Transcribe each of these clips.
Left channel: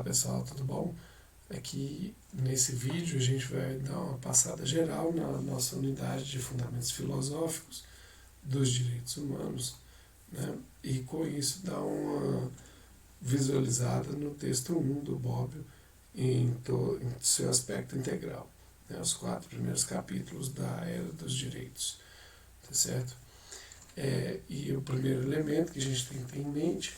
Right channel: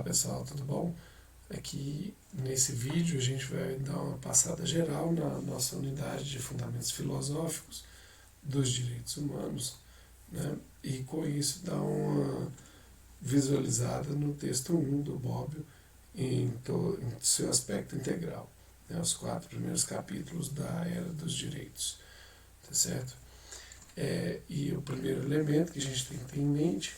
Olá pessoal, tudo bom? Aqui nesse vídeo a gente vai dar uma passada geral na nossa unidade de fundamentos filosóficos dos direitos humanos, né? E com isso dar uma visualizada no texto 1 do Bobbio em seu aspecto integral, né? Os 4 primeiros capítulos da Era dos Direitos, tá certo? E o primeiro elemento que a gente tem que ter em mente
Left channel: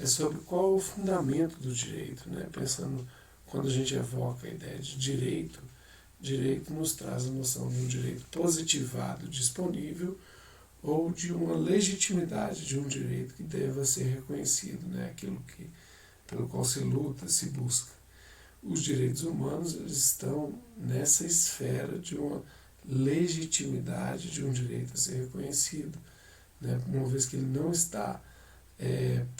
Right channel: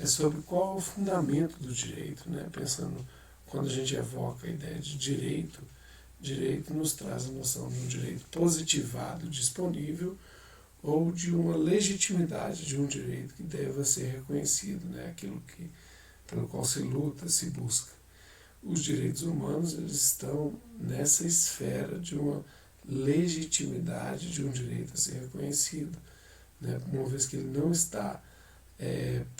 é sobre qual é o fundamento do direito, né? Pensando, quando a gente evoca a ideia de direito, direito nos traz a noção de um direito positivado, disponível, ou de uma legitimidade de um direito que deva ser reconhecido, né? Aquilo pelo qual se luta, se busca. Os direitos humanos, eles estão nessa esfera de uma legitimidade de um direito a ser reconhecido, né? Uma vez que ele não está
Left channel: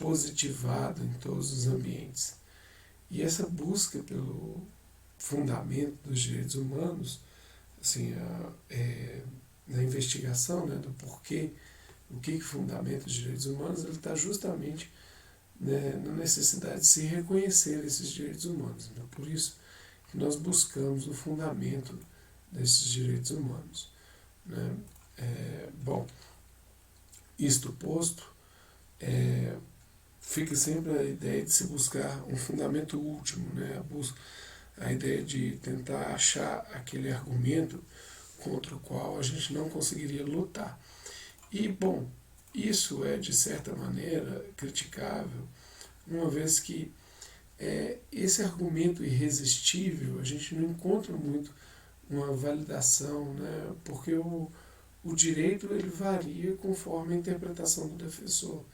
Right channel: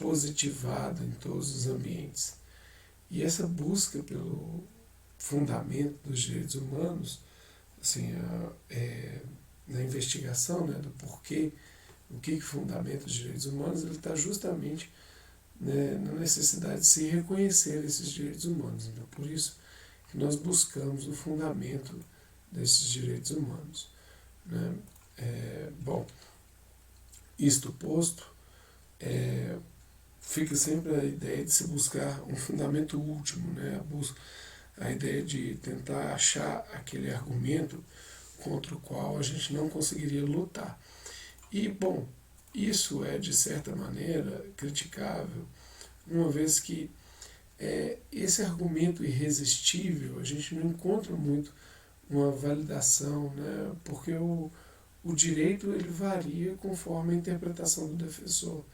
positivado em todos os ambientes. E essa busca pelo fundamento dos direitos humanos, assim, na investigação, né, do porquê, o que fundamenta os direitos humanos, ele está justamente, né, na necessidade de se reconhecer esses direitos humanos. Então, por isso que nós buscamos o fundamento desses direitos humanos, né? Bom, isto posto, fica sempre a ideia de se buscar um fundamento último, né? A ideia de tentar achar aquele argumento contra o qual a gente não conseguiria lutar. E, bom, isso é, de certa maneira, criticável, uma vez que esse argumento irresistível, a gente não encontra muito uma validação, né? Porque o direito ele varia conforme a interpretação do defensor.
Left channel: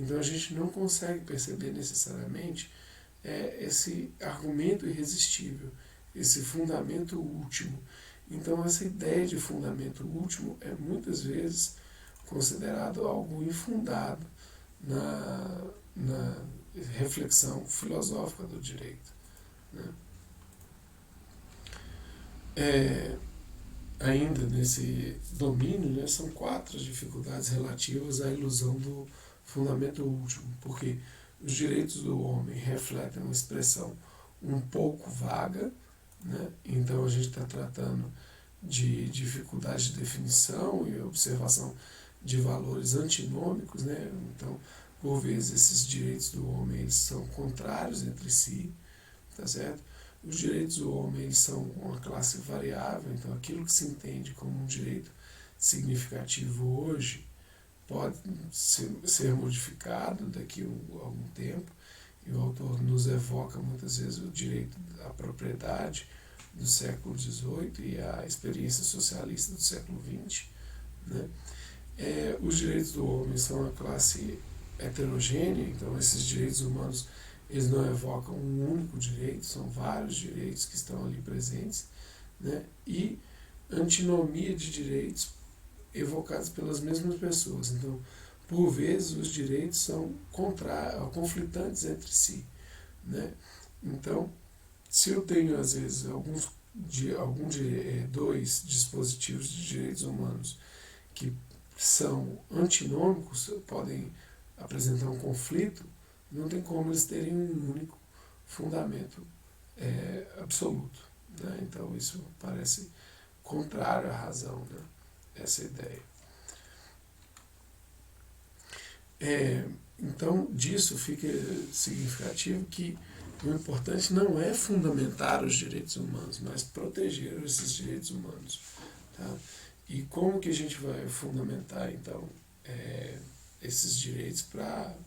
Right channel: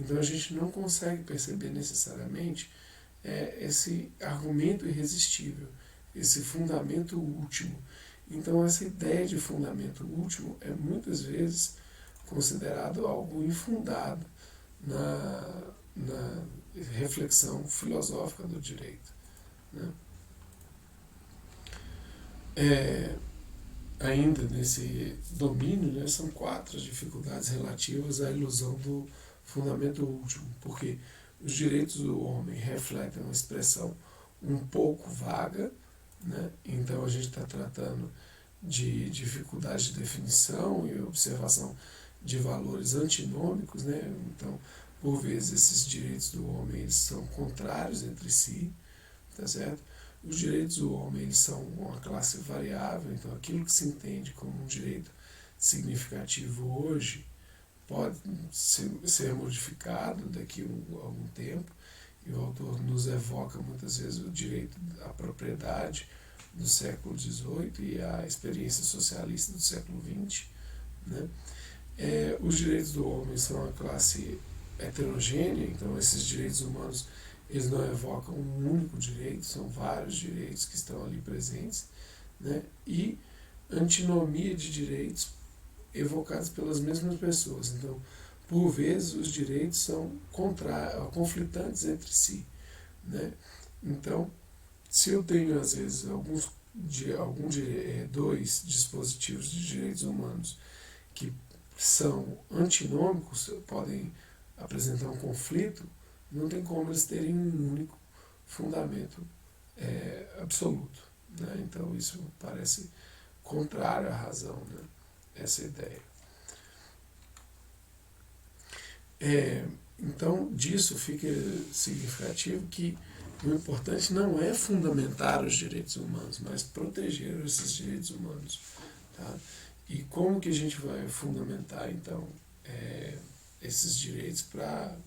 Então a gente não consegue perceber necessariamente esse argumento irresistível, esse fundamento último. Então essa ideia de fundamento último é muitas vezes considerado algo infundado na reflexão filosófica do direito, né? Ainda nesse domínio, né, são 4 dificuldades relativas à ilusão do fundamento último, porque os direitos do homem refletem uma expressão um pouco vaga, né? Então a gente está tratando de dificuldade de definição e observação de valores antinômicos, né? Então, por vezes, esses direitos do homem eles são contrários entre si, tá certo? Os direitos do homem eles são uma classe variável, então aquilo que se entende como um direito significativo hoje pode ser modificado daqui a algum tempo, e o autor nos evoca muitas vezes o direito à propriedade do século XVIII e a experiência socialista do século XX, né? Os direitos do homem são uma classe heterogênea, então esses direitos humanos eles não evocam um único direito, são vários direitos que estão ali presentes, né? E antinomia de direitos evocados pelas mesmas pessoas. Então, por vezes, os direitos são conflitantes entre si, né? Então, se eu tenho, às vezes, dois dispositivos de direitos humanos que são antinômicos, podem apresentar um conflito, não tem como eles terem um único fundamento absoluto, né? Então, isso parece contrário à razão, né? Essa ideia. Então, disso fica significativo que o importante não é fundamentar os direitos humanos, mas proteger esses direitos humanos, tá? E como que a gente vai fundamentar, então, esses direitos para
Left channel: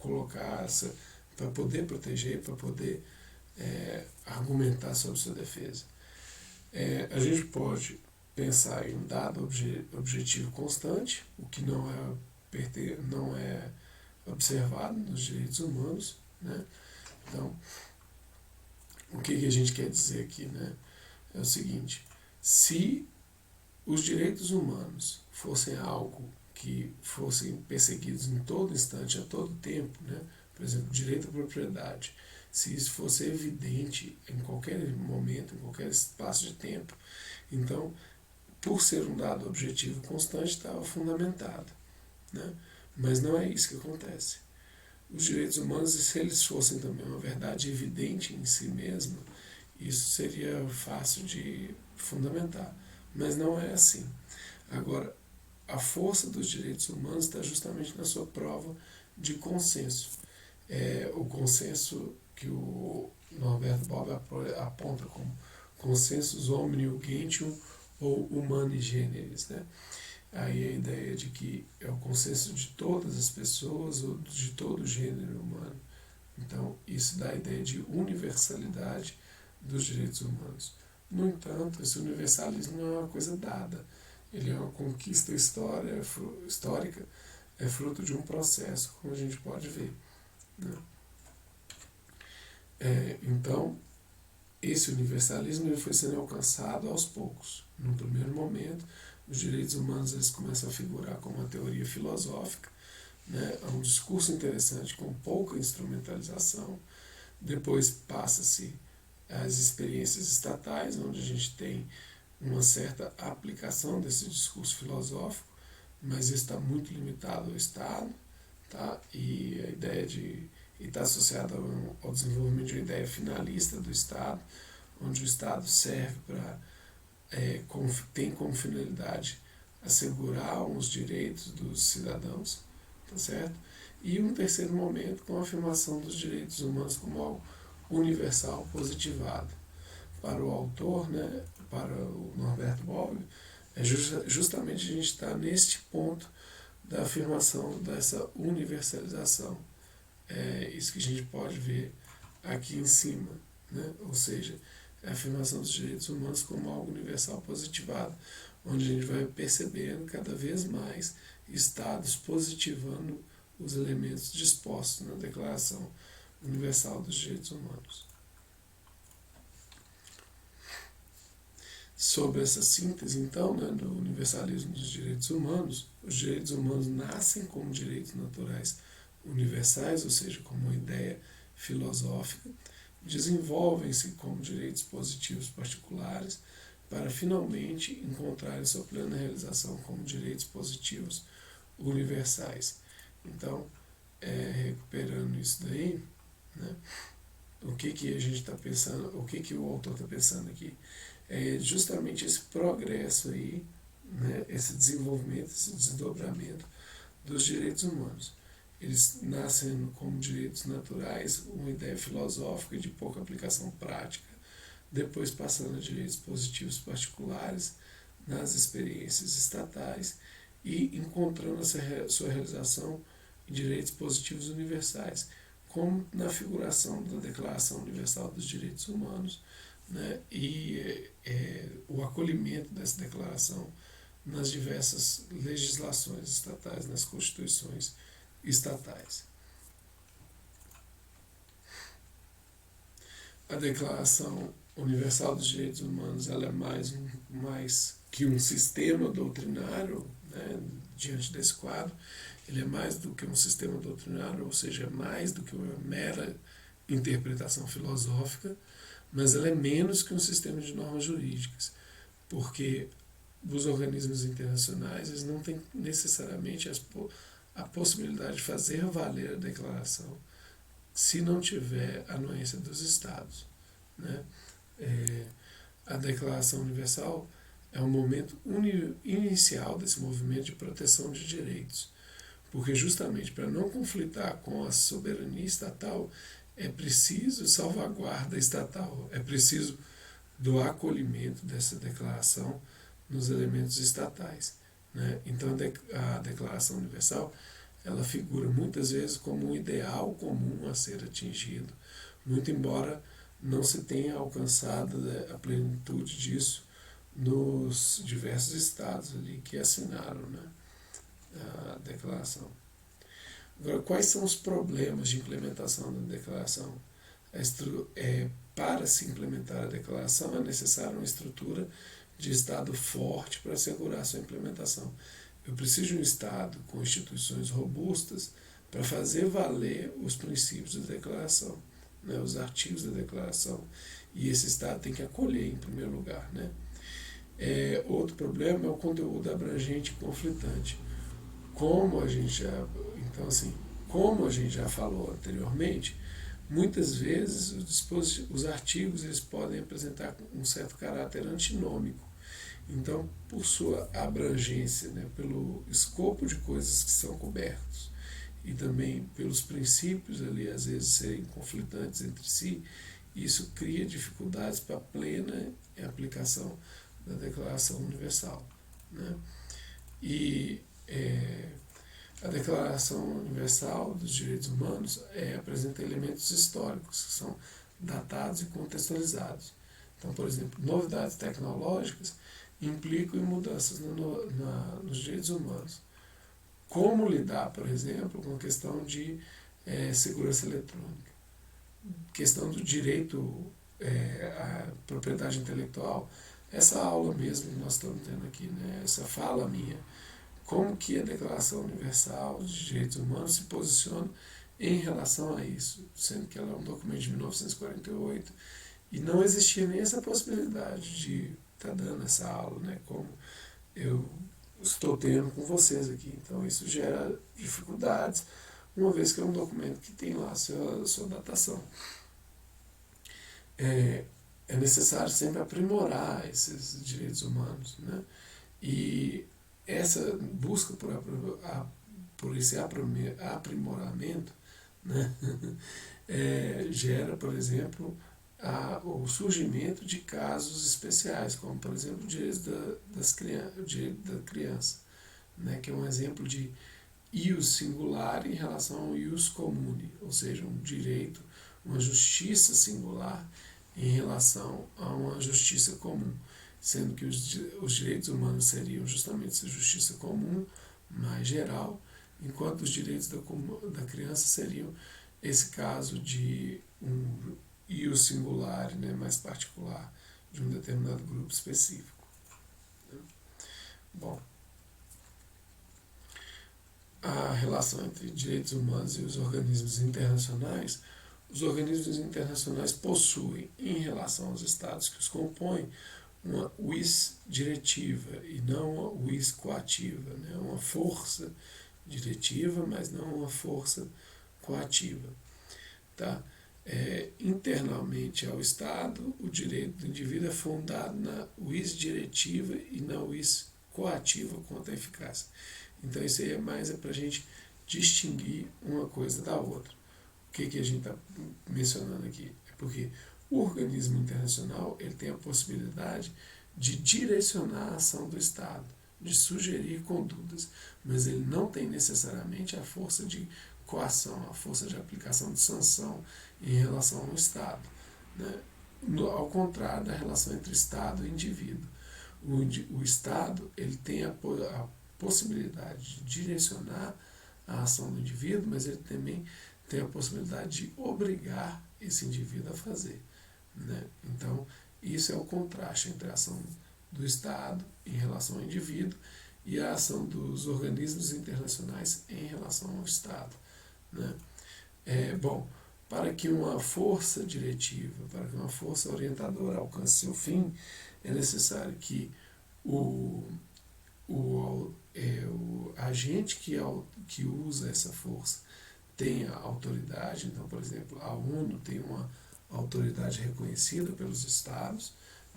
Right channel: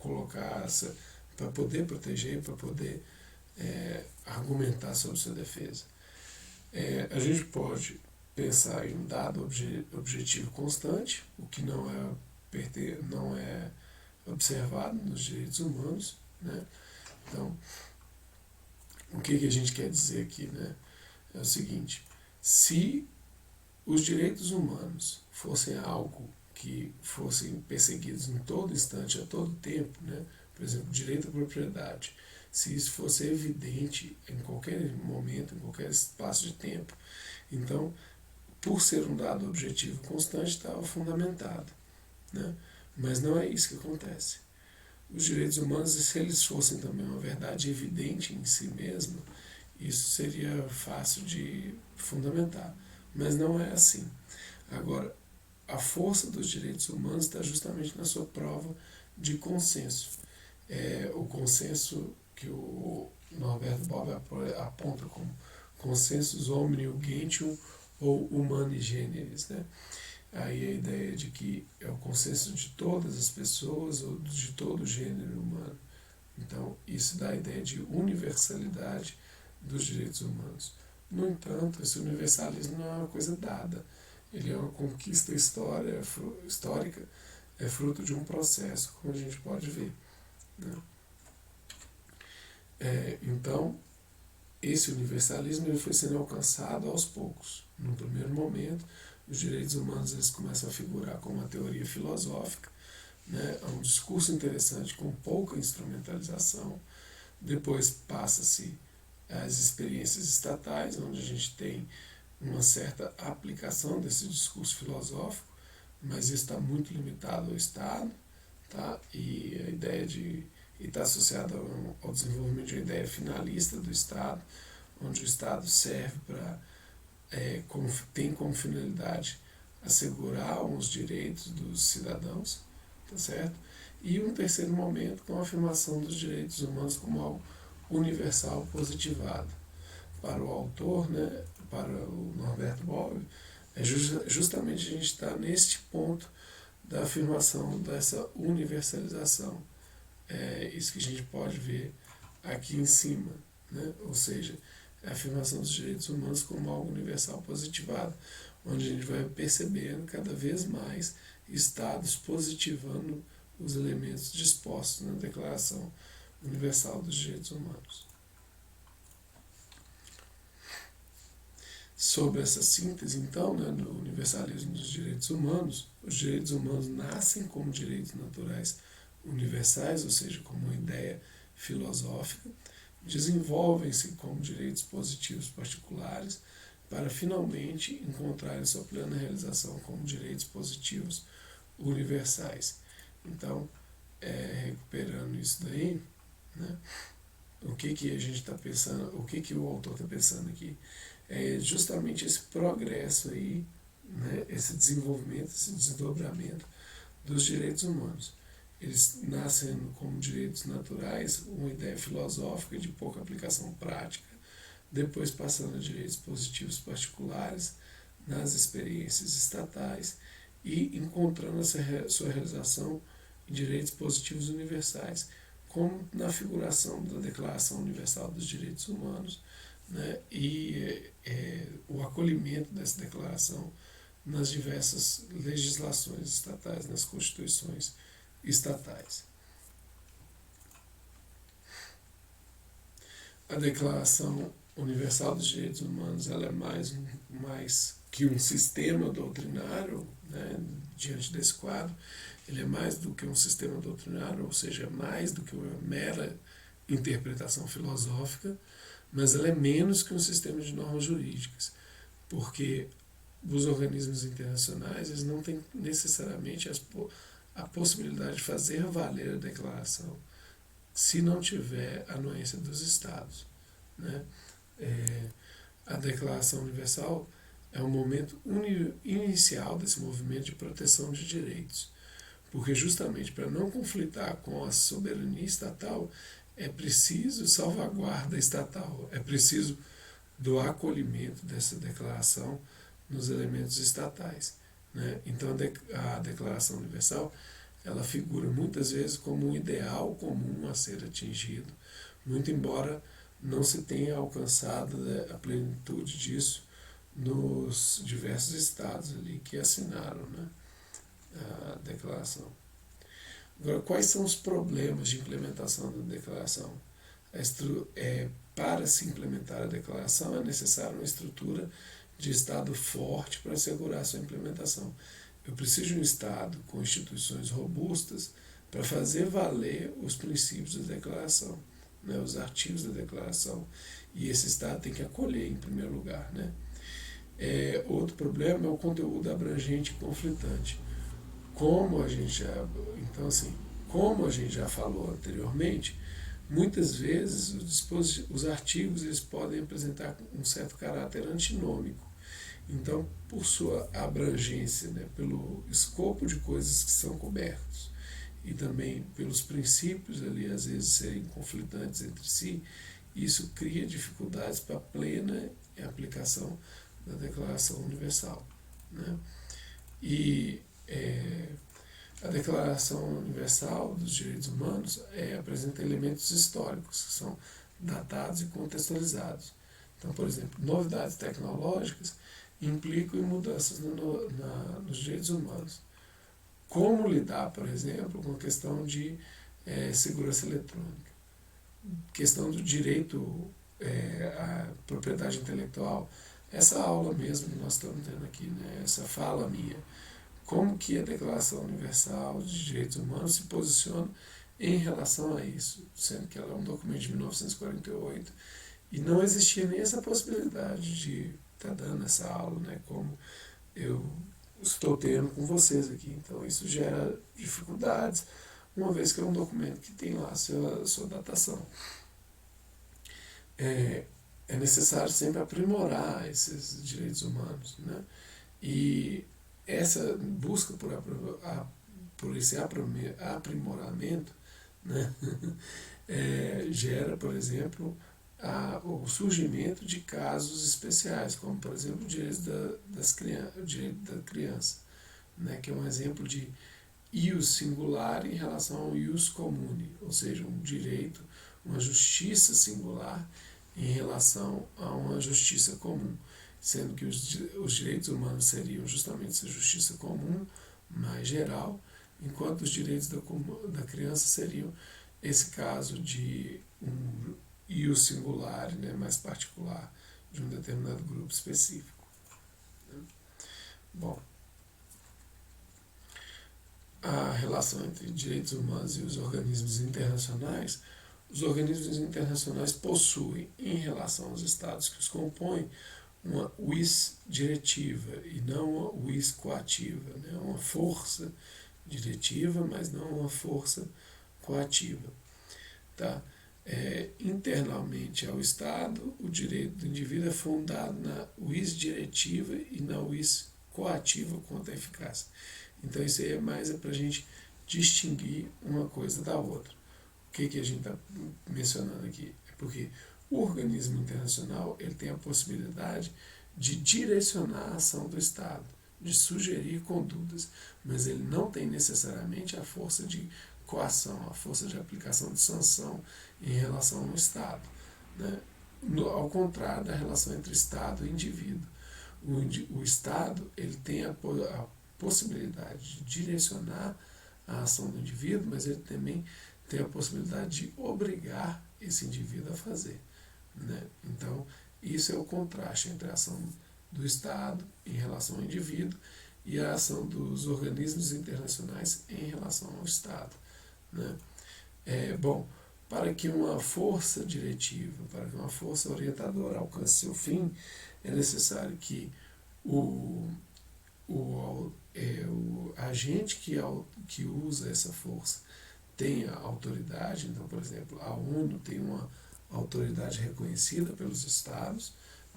colocar, para poder proteger, para poder argumentar sobre sua defesa? A gente pode pensar em um dado objetivo constante, o que não é observado nos direitos humanos, né? Então, o que a gente quer dizer aqui, né? É o seguinte: se os direitos humanos fossem algo que fossem perseguidos em todo instante, a todo tempo, né? Por exemplo, direito à propriedade, se isso fosse evidente em qualquer momento, em qualquer espaço de tempo, então, por ser um dado objetivo constante, estava fundamentado, né? Mas não é isso que acontece. os direitos humanos, se eles fossem também uma verdade evidente em si mesma, isso seria fácil de fundamentar. Mas não é assim. Agora, a força dos direitos humanos está justamente na sua prova de consenso. O consenso que o Norberto Bobbio aponta como consensus omnium gentium ou humani generis, né? Aí a ideia de que é o consenso de todas as pessoas ou de todo o gênero humano. Então, isso dá a ideia de universalidade dos direitos humanos. No entanto, esse universalismo não é uma coisa dada. Ele é uma conquista histórica, é fruto de um processo, como a gente pode ver, né? Então, esse universalismo ele foi sendo alcançado aos poucos. No primeiro momento, os direitos humanos eles começam a figurar como uma teoria filosófica, né? É um discurso interessante com pouca instrumentalização. Depois passa-se às experiências estatais, onde a gente tem uma certa aplicação desse discurso filosófico, mas isso está muito limitado ao Estado, tá? E a ideia de está associada ao desenvolvimento de uma ideia finalista do Estado, onde o Estado serve para tem como finalidade assegurar os direitos dos cidadãos, tá certo? E um terceiro momento com a afirmação dos direitos humanos como algo universal positivado. Para o autor, né, para o Norberto Bobbio, justamente a gente está neste ponto da afirmação dessa universalização. Isso que a gente pode ver aqui em cima, né? Ou seja, a afirmação dos direitos humanos como algo universal positivado, onde a gente vai percebendo cada vez mais estados positivando os elementos dispostos na Declaração Universal dos Direitos Humanos. Sob essa síntese, então, né, do universalismo dos direitos humanos, os direitos humanos nascem como direitos naturais universais, ou seja, como uma ideia filosófica, desenvolvem-se como direitos positivos particulares, para finalmente encontrarem sua plena realização como direitos positivos universais. Então, recuperando isso daí, né, o que a gente está pensando, o que o autor está pensando aqui? É justamente esse progresso aí, né, esse desenvolvimento, esse desdobramento dos direitos humanos. Eles nascem como direitos naturais, uma ideia filosófica de pouca aplicação prática, depois passando a direitos positivos particulares nas experiências estatais e encontrando a sua realização em direitos positivos universais, como na figuração da Declaração Universal dos Direitos Humanos, né, e o acolhimento dessa declaração nas diversas legislações estatais, nas constituições estatais. A Declaração Universal dos Direitos Humanos ela é mais que um sistema doutrinário, né, diante desse quadro. Ele é mais do que um sistema doutrinário, ou seja, é mais do que uma mera interpretação filosófica, mas ela é menos que um sistema de normas jurídicas, porque os organismos internacionais eles não têm necessariamente a possibilidade de fazer valer a declaração se não tiver a anuência dos Estados, né? A Declaração Universal é um momento inicial desse movimento de proteção de direitos, porque justamente para não conflitar com a soberania estatal, é preciso salvaguarda estatal, é preciso do acolhimento dessa declaração nos elementos estatais, né? Então a Declaração Universal ela figura muitas vezes como um ideal comum a ser atingido, muito embora não se tenha alcançado, né, a plenitude disso nos diversos estados ali que assinaram, né, a declaração. Agora, quais são os problemas de implementação da declaração? Para se implementar a declaração é necessária uma estrutura de Estado forte para assegurar sua implementação. Eu preciso de um Estado com instituições robustas para fazer valer os princípios da declaração, né, os artigos da declaração. E esse Estado tem que acolher, em primeiro lugar, né? Outro problema é o conteúdo abrangente e conflitante. Como a gente já, então assim, como a gente já falou anteriormente, muitas vezes os artigos eles podem apresentar um certo caráter antinômico. Então, por sua abrangência, né, pelo escopo de coisas que são cobertos e também pelos princípios ali às vezes serem conflitantes entre si, isso cria dificuldades para a plena aplicação da Declaração Universal, né? E a Declaração Universal dos Direitos Humanos apresenta elementos históricos que são datados e contextualizados. Então, por exemplo, novidades tecnológicas implicam em mudanças nos direitos humanos. Como lidar, por exemplo, com a questão de segurança eletrônica, questão do direito à propriedade intelectual, essa aula mesmo que nós estamos tendo aqui, né, essa fala minha, como que a Declaração Universal de Direitos Humanos se posiciona em relação a isso, sendo que ela é um documento de 1948 e não existia nem essa possibilidade de estar dando essa aula, né, como eu estou tendo com vocês aqui. Então isso gera dificuldades, uma vez que é um documento que tem lá sua datação. É necessário sempre aprimorar esses direitos humanos, né? E essa busca por esse aprimoramento, né, gera, por exemplo, o surgimento de casos especiais, como, por exemplo, o direito da criança, né, que é um exemplo de ius singular em relação ao ius comune, ou seja, um direito, uma justiça singular em relação a uma justiça comum, sendo que os direitos humanos seriam justamente essa justiça comum, mais geral, enquanto os direitos da criança seriam esse caso de um ius singular, né, mais particular, de um determinado grupo específico. Bom, a relação entre direitos humanos e os organismos internacionais possuem, em relação aos estados que os compõem, uma vis diretiva e não uma vis coativa, né? Uma força diretiva, mas não uma força coativa. Tá? Internamente ao Estado, o direito do indivíduo é fundado na vis diretiva e na vis coativa quanto à eficácia. Então isso aí é mais para a gente distinguir uma coisa da outra. O que a gente está mencionando aqui? É porque o organismo internacional ele tem a possibilidade de direcionar a ação do Estado, de sugerir condutas, mas ele não tem necessariamente a força de coação, a força de aplicação de sanção em relação ao Estado, né? Ao contrário da relação entre Estado e indivíduo. O Estado ele tem a possibilidade de direcionar a ação do indivíduo, mas ele também tem a possibilidade de obrigar esse indivíduo a fazer, né? Então, isso é o contraste entre a ação do Estado em relação ao indivíduo e a ação dos organismos internacionais em relação ao Estado, né? Bom, para que uma força diretiva, para que uma força orientadora alcance seu fim, é necessário que o agente que usa essa força tenha autoridade. Então, por exemplo, a ONU tem uma autoridade reconhecida pelos Estados,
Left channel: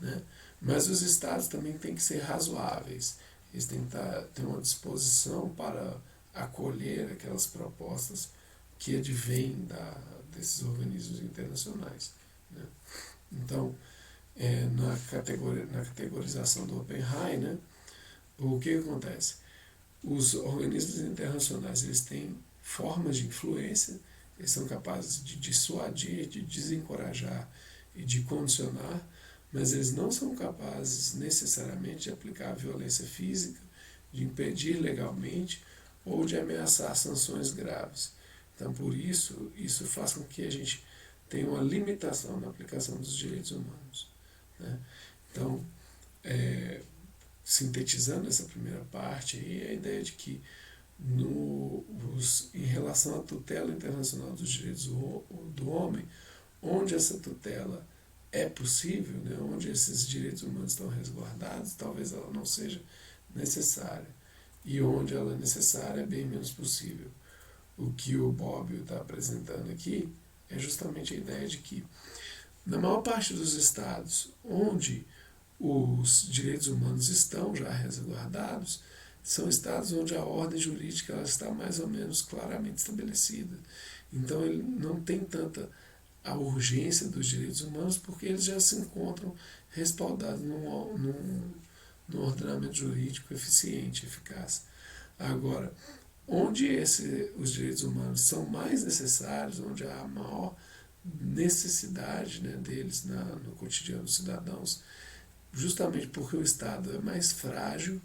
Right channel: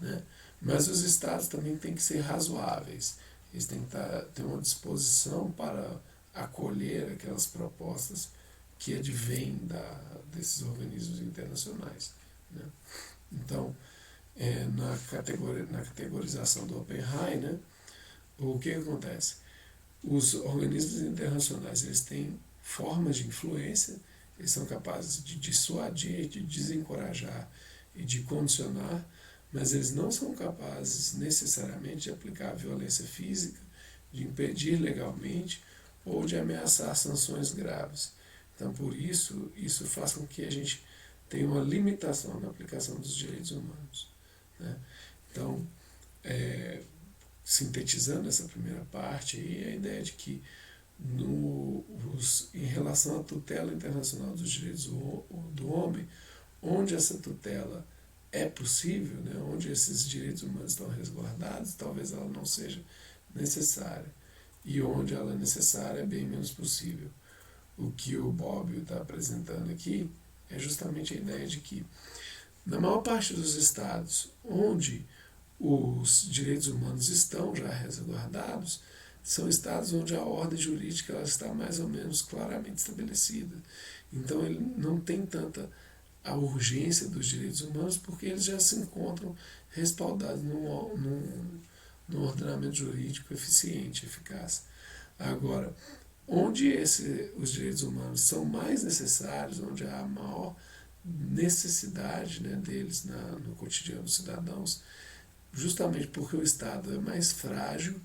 né? Mas os Estados também têm que ser razoáveis, eles têm que ter uma disposição para acolher aquelas propostas que advêm desses organismos internacionais, né? Então, na categorização do Oppenheim, né, o que acontece? Os organismos internacionais eles têm formas de influência, eles são capazes de dissuadir, de desencorajar e de condicionar, mas eles não são capazes necessariamente de aplicar violência física, de impedir legalmente ou de ameaçar sanções graves. Então, por isso faz com que a gente tenha uma limitação na aplicação dos direitos humanos, né? Então, sintetizando essa primeira parte, aí, a ideia de que em relação à tutela internacional dos direitos do homem, onde essa tutela é possível, né, onde esses direitos humanos estão resguardados, talvez ela não seja necessária. E onde ela é necessária é bem menos possível. o que o Bob está apresentando aqui é justamente a ideia de que, na maior parte dos estados onde os direitos humanos estão já resguardados, são estados onde a ordem jurídica ela está mais ou menos claramente estabelecida. Então ele não tem tanta a urgência dos direitos humanos porque eles já se encontram respaldados num ordenamento jurídico eficiente, eficaz. Agora, onde os direitos humanos são mais necessários, onde há maior necessidade, né, deles no cotidiano dos cidadãos, justamente porque o Estado é mais frágil,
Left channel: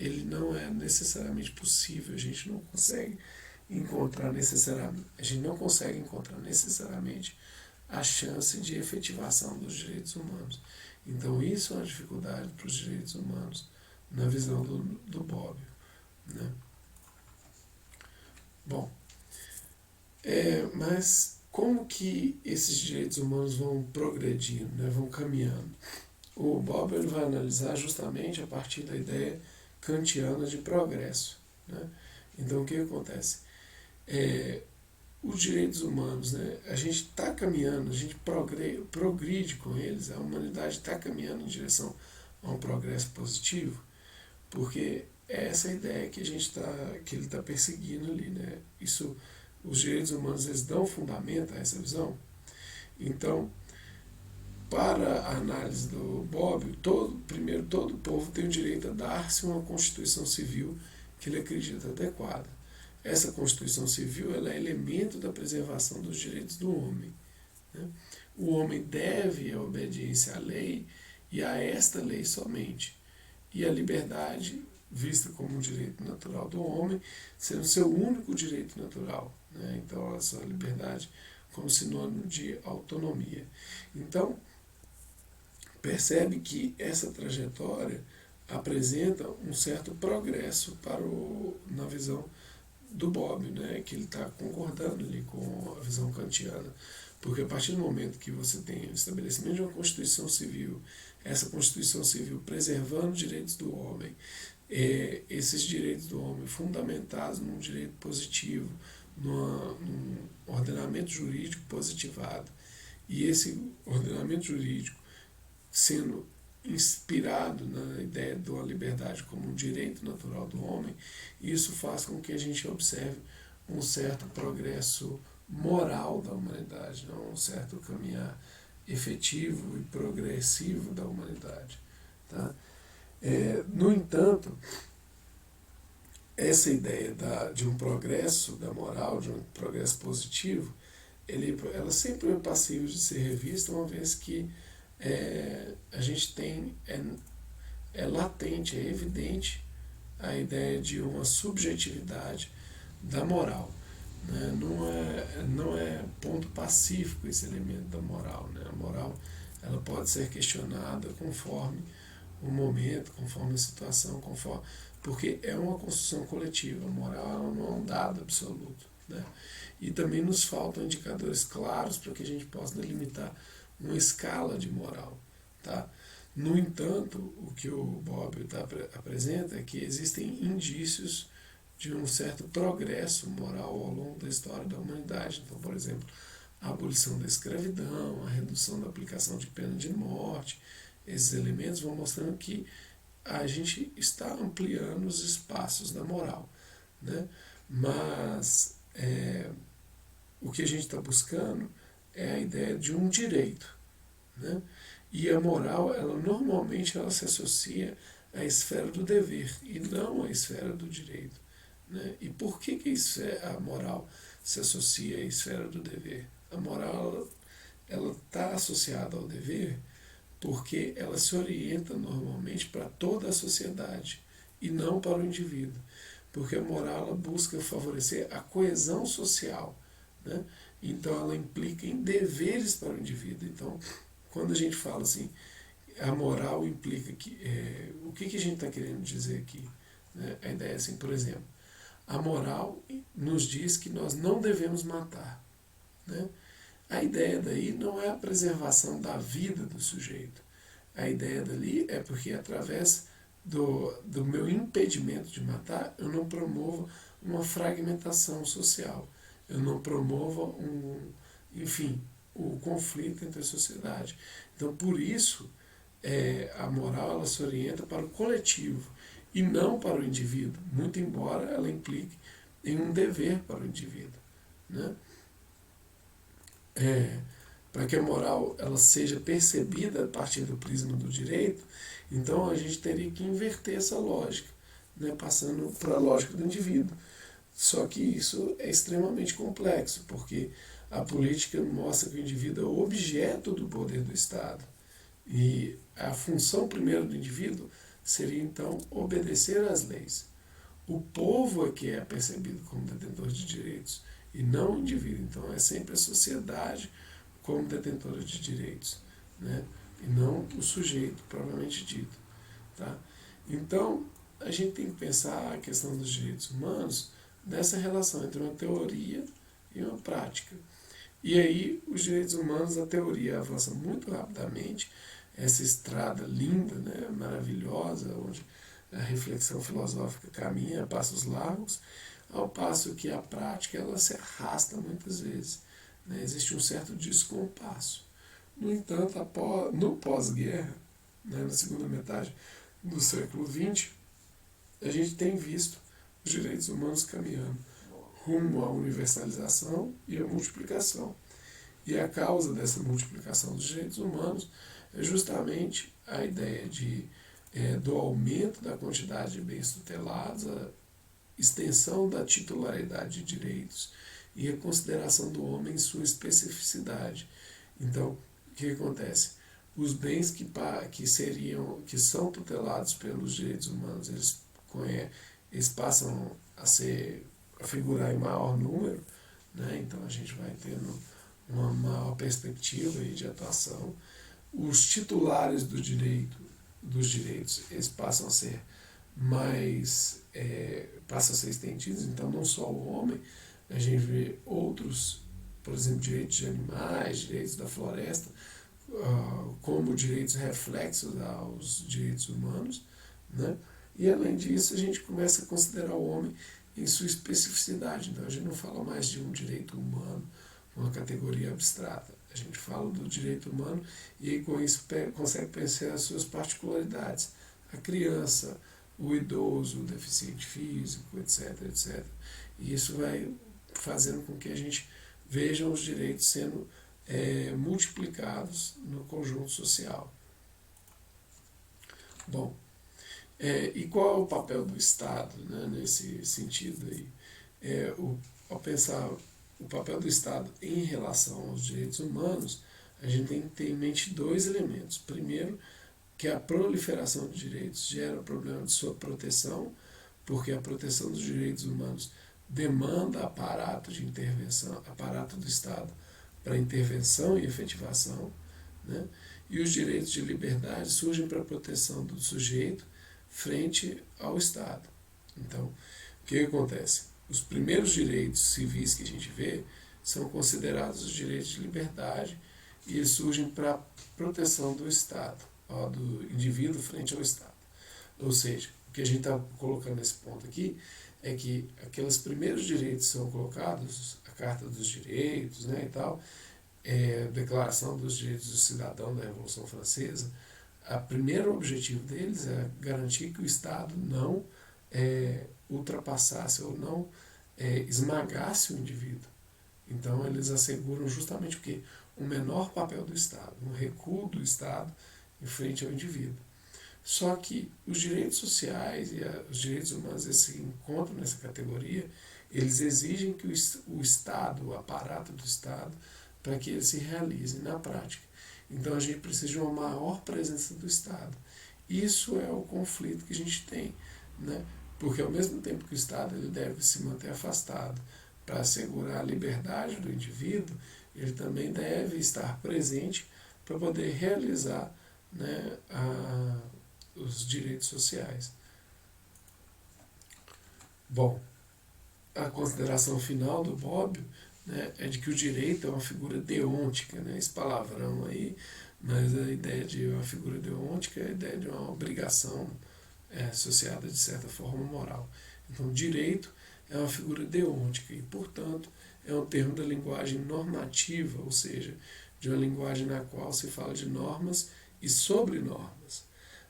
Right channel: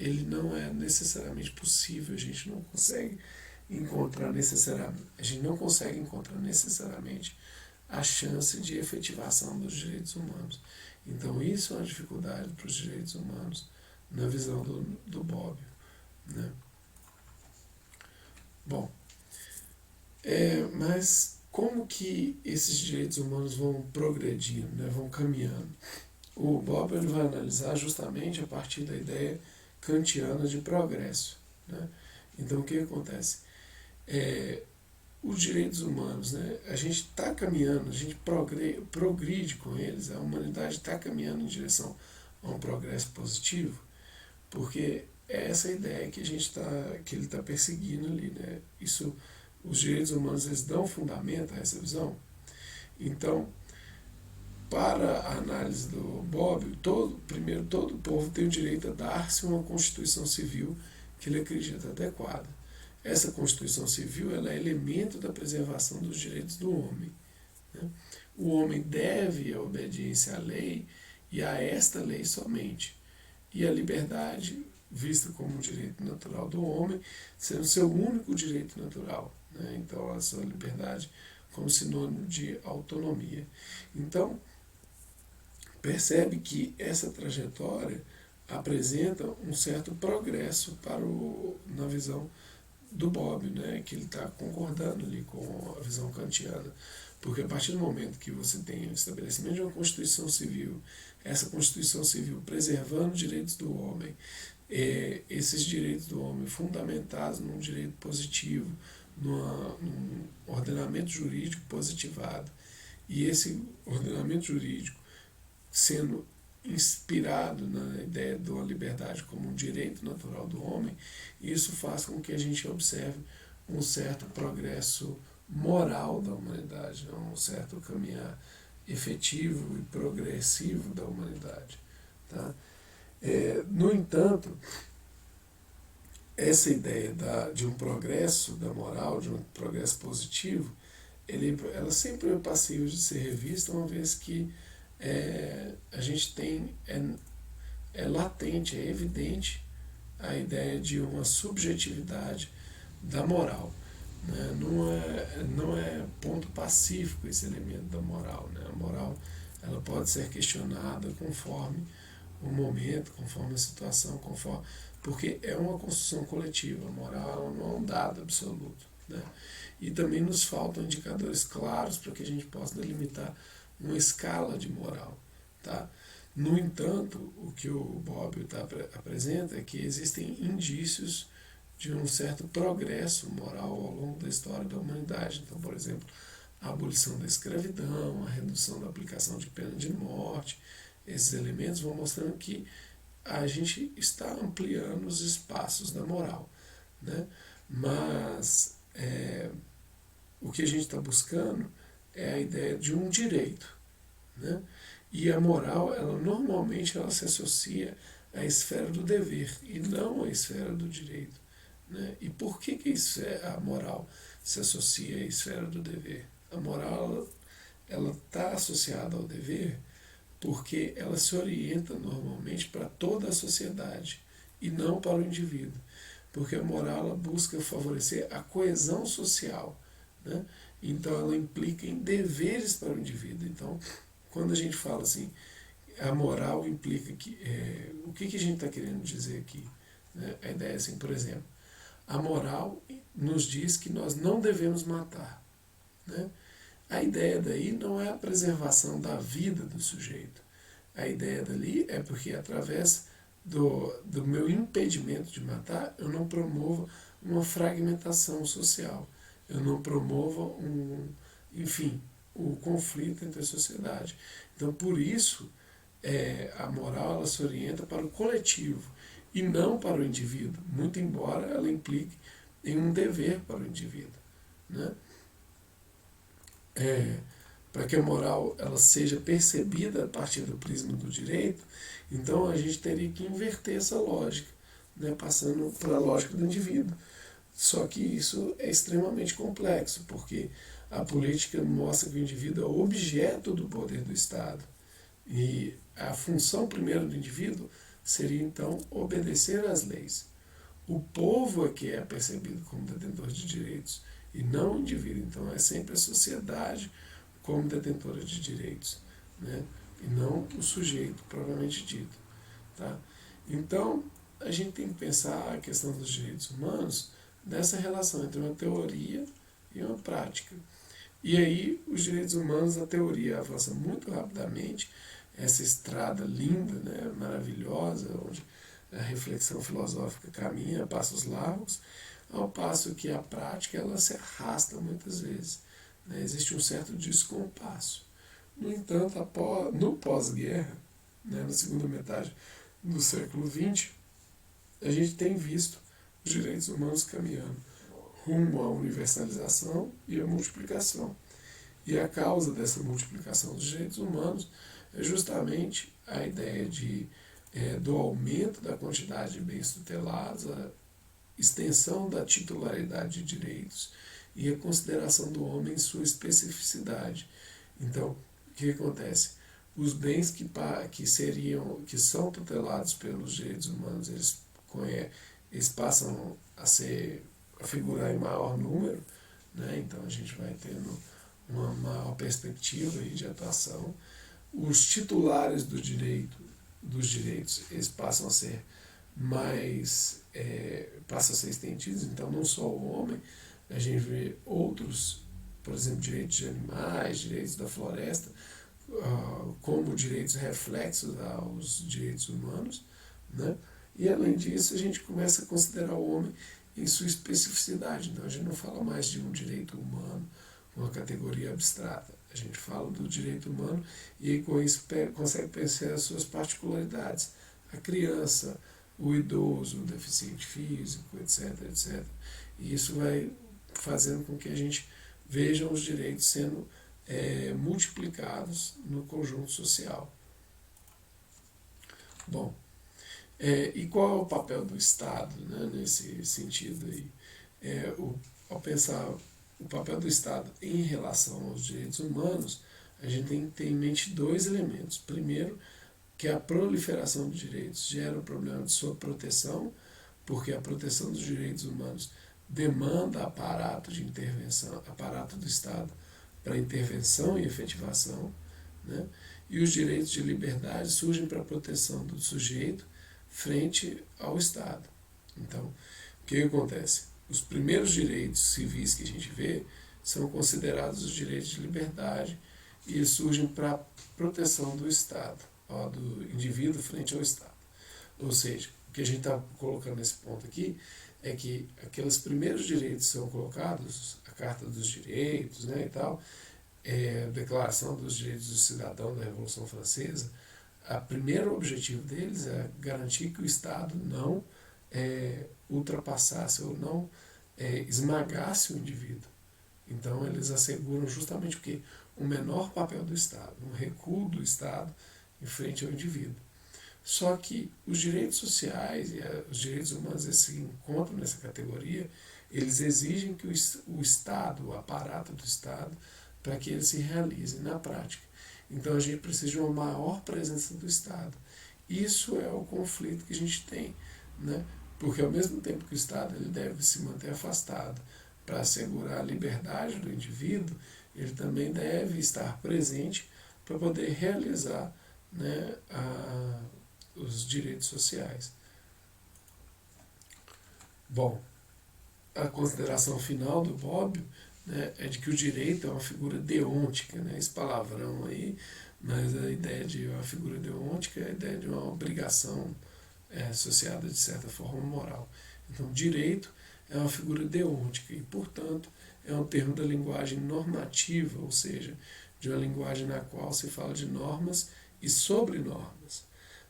ele não é necessariamente possível, a gente não consegue encontrar necessariamente a chance de efetivação dos direitos humanos. Então isso é uma dificuldade para os direitos humanos, na visão do Bob. Né? Bom, mas como que esses direitos humanos vão progredindo, né, vão caminhando? O Bob ele vai analisar justamente a partir da ideia kantiana de progresso. Né? Então, o que acontece? Os direitos humanos, né, a gente está caminhando, a gente progride com eles, a humanidade está caminhando em direção a um progresso positivo, porque é essa ideia que que ele está perseguindo ali. Né? Os direitos humanos eles dão fundamento a essa visão. Então, para a análise do Bob, primeiro, todo povo tem o direito a dar-se uma Constituição Civil que ele acredita adequada. Essa Constituição Civil ela é elemento da preservação dos direitos do homem. Né? O homem deve a obediência à lei e a esta lei somente. E a liberdade, vista como um direito natural do homem, sendo seu único direito natural. Né? Então, essa liberdade como sinônimo de autonomia. Então, percebe que essa trajetória apresenta um certo progresso na visão do Bob, né, que ele está concordando ali com a visão kantiana. Porque a partir do momento que você tem o estabelecimento de uma Constituição Civil, essa Constituição Civil preservando os direitos do homem, esses direitos do homem fundamentados num direito positivo, num ordenamento jurídico positivado, e esse ordenamento jurídico sendo inspirado na ideia da liberdade como um direito natural do homem, isso faz com que a gente observe um certo progresso moral da humanidade, um certo caminhar efetivo e progressivo da humanidade. Tá? No entanto, essa ideia de um progresso da moral, de um progresso positivo, ela sempre é passível de ser revista, uma vez que a gente tem, latente, é evidente a ideia de uma subjetividade da moral. Né? Não é ponto pacífico esse elemento da moral. Né? A moral ela pode ser questionada conforme o momento, conforme a situação, porque é uma construção coletiva. A moral não é um dado absoluto. Né? E também nos faltam indicadores claros para que a gente possa delimitar uma escala de moral. Tá? No entanto, o que o Bob apresenta é que existem indícios de um certo progresso moral ao longo da história da humanidade. Então, por exemplo, a abolição da escravidão, a redução da aplicação de pena de morte, esses elementos vão mostrando que a gente está ampliando os espaços da moral. Né? Mas o que a gente está buscando é a ideia de um direito. Né? E a moral, normalmente ela se associa à esfera do dever e não à esfera do direito. Né? E por que a moral se associa à esfera do dever? A moral ela está associada ao dever porque ela se orienta normalmente para toda a sociedade e não para o indivíduo. Porque a moral ela busca favorecer a coesão social. Né? Então ela implica em deveres para o indivíduo. Então, quando a gente fala assim, a moral implica que... o que a gente está querendo dizer aqui? Né? A ideia é assim, por exemplo, a moral nos diz que nós não devemos matar. Né? A ideia daí não é a preservação da vida do sujeito. A ideia dali é porque através do meu impedimento de matar, eu não promovo uma fragmentação social. Eu não promova o conflito entre a sociedade. Então, por isso, a moral ela se orienta para o coletivo e não para o indivíduo, muito embora ela implique em um dever para o indivíduo, né? Para que a moral ela seja percebida a partir do prisma do direito, então a gente teria que inverter essa lógica, né, passando para a lógica do indivíduo. Só que isso é extremamente complexo, porque a política mostra que o indivíduo é o objeto do poder do Estado. E a função primeira do indivíduo seria, então, obedecer às leis. O povo é que é percebido como detentor de direitos, e não o indivíduo. Então, é sempre a sociedade como detentora de direitos, né? E não o sujeito propriamente dito. Tá? Então, a gente tem que pensar a questão dos direitos humanos nessa relação entre uma teoria e uma prática. E aí, os direitos humanos, a teoria avança muito rapidamente, essa estrada linda, né, maravilhosa, onde a reflexão filosófica caminha a passos largos, ao passo que a prática ela se arrasta muitas vezes, né? Existe um certo descompasso. No entanto, no pós-guerra, né, na segunda metade do século XX, a gente tem visto os direitos humanos caminhando rumo à universalização e à multiplicação. E a causa dessa multiplicação dos direitos humanos é justamente a ideia do aumento da quantidade de bens tutelados, a extensão da titularidade de direitos e a consideração do homem em sua especificidade. Então, o que acontece? Os bens que são tutelados pelos direitos humanos, eles passam a figurar em maior número, né? Então a gente vai tendo uma maior perspectiva aí de atuação. Os titulares dos direitos, eles passam a ser passam a ser estendidos, então não só o homem, a gente vê outros, por exemplo, direitos de animais, direitos da floresta, como direitos reflexos aos direitos humanos, né? E além disso, a gente começa a considerar o homem em sua especificidade. Então a gente não fala mais de um direito humano, uma categoria abstrata. A gente fala do direito humano e com isso consegue pensar as suas particularidades. A criança, o idoso, o deficiente físico, etc, etc. E isso vai fazendo com que a gente veja os direitos sendo multiplicados no conjunto social. Bom, e qual é o papel do Estado, né, nesse sentido aí? Ao pensar o papel do Estado em relação aos direitos humanos, a gente tem que ter em mente dois elementos. Primeiro, que a proliferação de direitos gera o problema de sua proteção, porque a proteção dos direitos humanos demanda aparato de intervenção, aparato do Estado para intervenção e efetivação, né? E os direitos de liberdade surgem para a proteção do sujeito frente ao Estado. Então, o que acontece? Os primeiros direitos civis que a gente vê são considerados os direitos de liberdade e eles surgem para a proteção do Estado, do indivíduo frente ao Estado. Ou seja, o que a gente está colocando nesse ponto aqui é que aqueles primeiros direitos que são colocados, a Carta dos Direitos, né, e tal, a Declaração dos Direitos do Cidadão da Revolução Francesa, o primeiro objetivo deles é garantir que o Estado não ultrapassasse ou não esmagasse o indivíduo. Então, eles asseguram justamente o quê? O menor papel do Estado, um recuo do Estado em frente ao indivíduo. Só que os direitos sociais e os direitos humanos que se encontram nessa categoria, eles exigem que o Estado, o aparato do Estado, para que ele se realize na prática. Então a gente precisa de uma maior presença do Estado. Isso é o conflito que a gente tem, né? Porque ao mesmo tempo que o Estado ele deve se manter afastado para assegurar a liberdade do indivíduo, ele também deve estar presente para poder realizar, né, os direitos sociais. Bom, a consideração final do Bobbio, né, é de que o direito é uma figura deôntica, né, esse palavrão aí, mas a ideia de uma figura deôntica é a ideia de uma obrigação associada, de certa forma, moral. Então, o direito é uma figura deontica e, portanto, é um termo da linguagem normativa, ou seja, de uma linguagem na qual se fala de normas e sobre normas.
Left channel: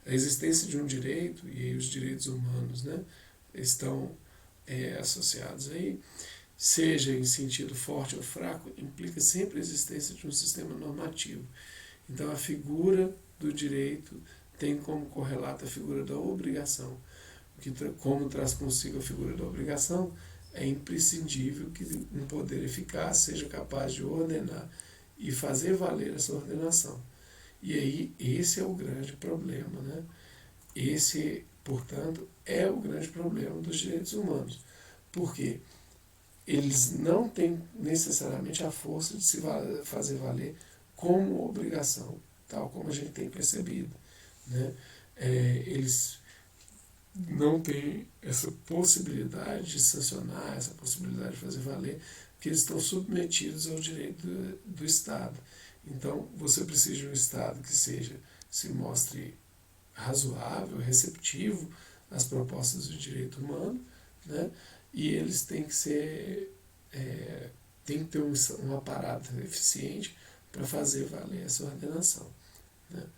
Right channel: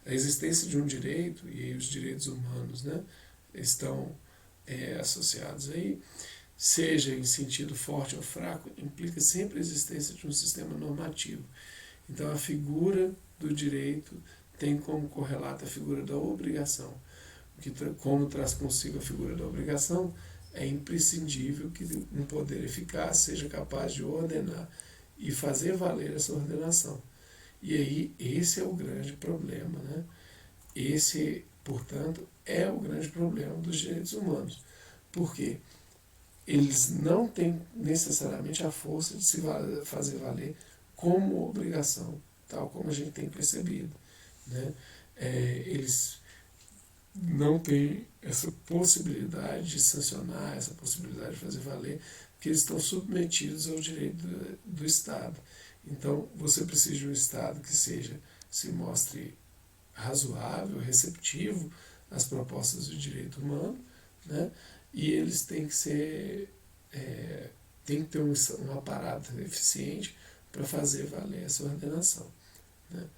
A existência de um direito, e aí os direitos humanos, né, estão associados aí, seja em sentido forte ou fraco, implica sempre a existência de um sistema normativo. Então, a figura do direito tem como correlato a figura da obrigação, que, como traz consigo a figura da obrigação, é imprescindível que um poder eficaz seja capaz de ordenar e fazer valer essa ordenação. E aí, esse é o grande problema, né? Esse, portanto, é o grande problema dos direitos humanos. Por quê? Eles não têm necessariamente a força de se fazer valer como obrigação, tal como a gente tem percebido, né? Eles não têm essa possibilidade de sancionar, essa possibilidade de fazer valer, que eles estão submetidos ao direito do Estado. Então, você precisa de um Estado que se mostre razoável, receptivo às propostas do direito humano, né? E eles têm que tem que ter um aparato eficiente para fazer valer essa ordenação, né?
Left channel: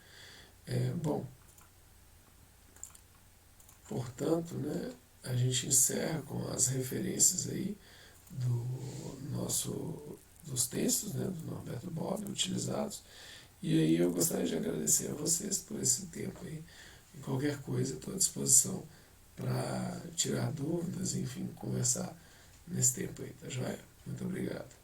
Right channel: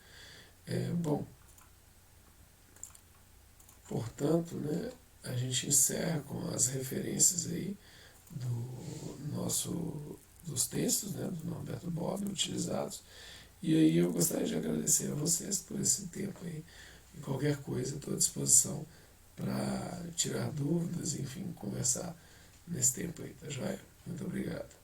Bom, portanto, né, a gente encerra com as referências aí dos textos, né, do Norberto Bobbio utilizados. E aí eu gostaria de agradecer a vocês por esse tempo aí. E qualquer coisa, estou à disposição para tirar dúvidas, enfim, conversar nesse tempo aí, tá joia? Muito obrigado.